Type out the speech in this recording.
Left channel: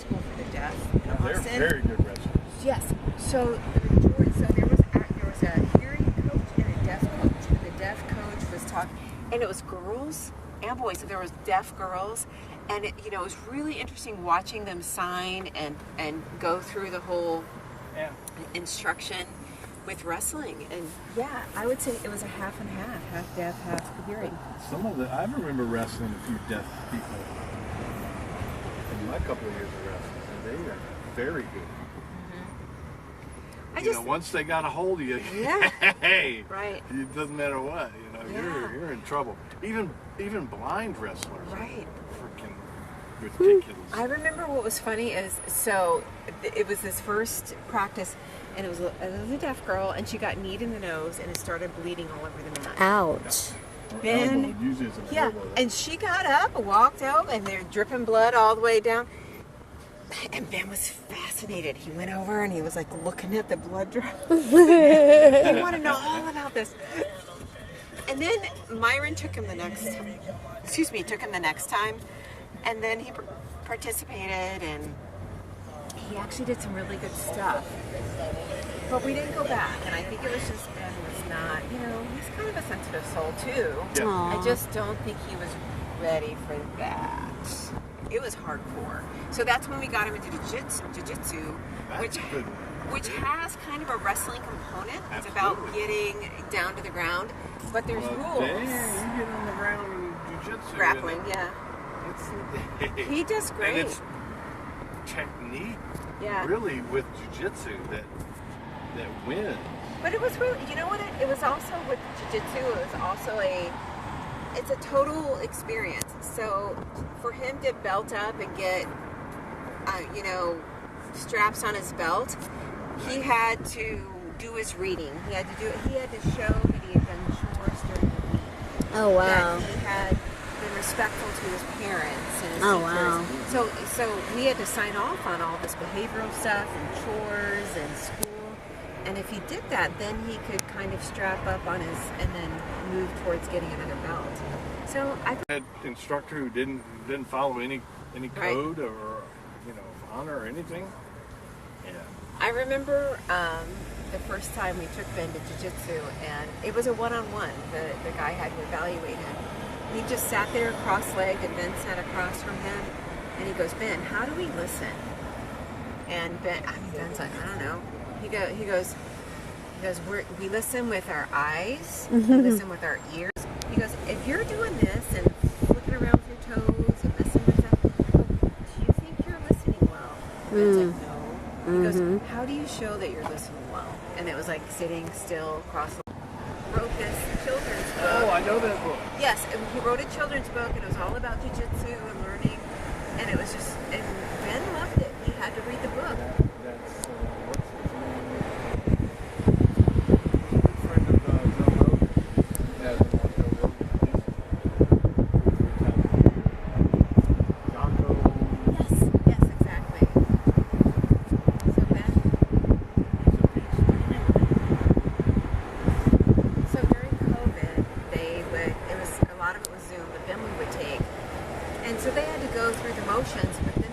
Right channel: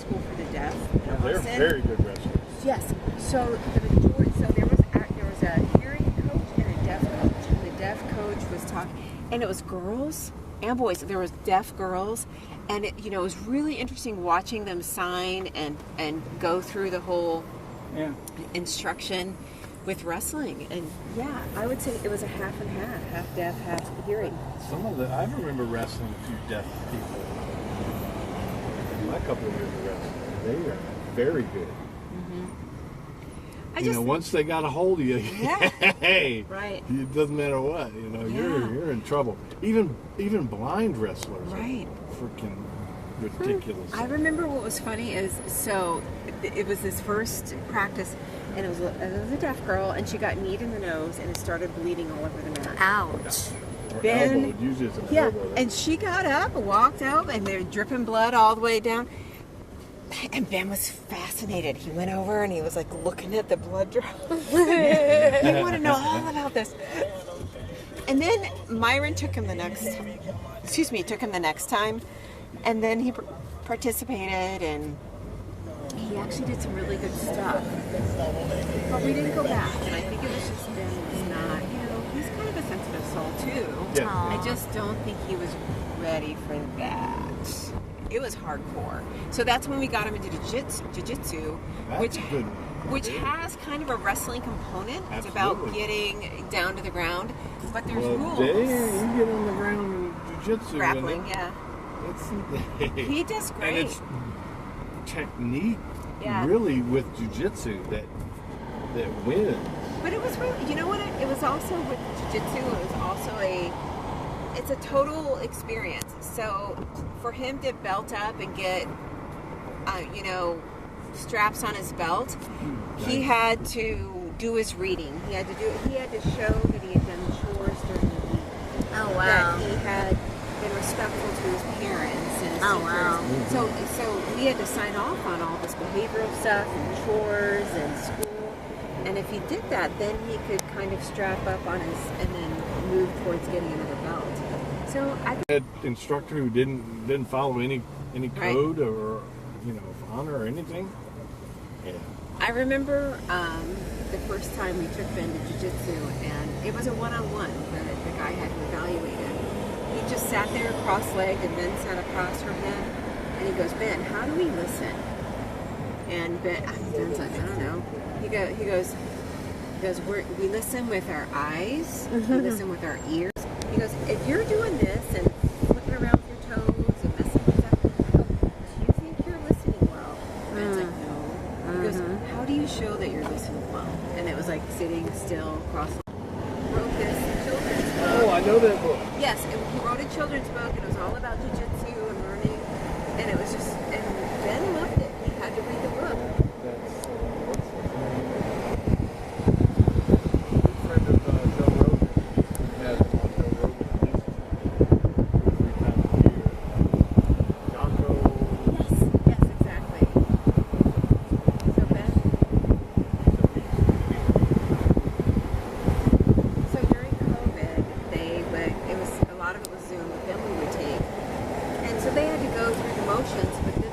school for the deaf. Yeah, they're very good wrestlers. Yes. So there was a hearing coach and a deaf coach, and the deaf coach was talking, and it was girls and boys. There was deaf girls, and it was really interesting watching them sign and go through the whole instruction with wrestling. And yeah, I would say it was a half and half deaf, half hearing. I remember wrestling a few deaf people in my couple of years of wrestling, and they are very good. Once they got a hold of you, hey, right. It doesn't matter what, you're in trouble. Even blind wrestlers, right? Are freaking ridiculous. I remember what was funny is it was this first practice, and it was a deaf girl, and she got kneed in the nose, and it started bleeding all over the mat. Ouch. Elbow, usually it's an elbow, right? And she got up and walked out, and they're dripping blood all the way down. And Ben was fascinated. He went over and he was like looking at the blood drops. He wanted to know all about this. And then Myron took him the next time. And then he participated, and he actually did some really good stuff. But we didn't go back, and I think it was just Ben was not, he's kind of a sensitive soul too. Yeah. I just don't think he was ready for that. It was hardcore. So that's when we got him into jiu-jitsu, which has kind of a wrestling component. It's about getting down to the ground, but there's rules. You get on the ground in jiu-jitsu. Grappling, yeah. He does great. And it's technique, really, with jiu-jitsu that wins. But it was really, it was also with jiu-jitsu, it was also it's a total experience. So for him to belt up and get, straps on his belt, he had to do his reading. He had to show that he had done chores during the week. Oh, wow. That he had been respectful to his parents and his Oh, teachers. wow. So he had to sign off on all this behavioral stuff and chores and school. And if he did that, then he could kind of strap up on and then move towards getting another belt. So I had an instructor who didn't follow any code or honor or anything. Yeah. I remember the first time we took Ben to jiu-jitsu, and it was a one-on-one. The guy had to evaluate him. He just sat there cross-legged, and Ben sat across from him, and he goes, "Ben, how do we listen?" And Ben's like, "I don't know." He goes, we listen with our eyes, we listen with our ears. He goes, "If you're doing this and flicking around with your toes and messing with stuff, do you think you're listening well?" And it's like, "No." He goes, "How do you show that you're listening well?" And it was like sitting still, wrote his children's book. Oh, I know that book. Yes, he wrote a children's book, and it was all about jiu-jitsu and learning. And it was just, and Ben loved it. He had to read the book. That's what's his name? Good friend of Joe Rogan. He has him on Joe Rogan at least 2 or 3 times a year. Jocko. Yes, exactly. So Ben. So during COVID, a lot of it was Zoom, but then we would take. And so they had to go through the motions, but then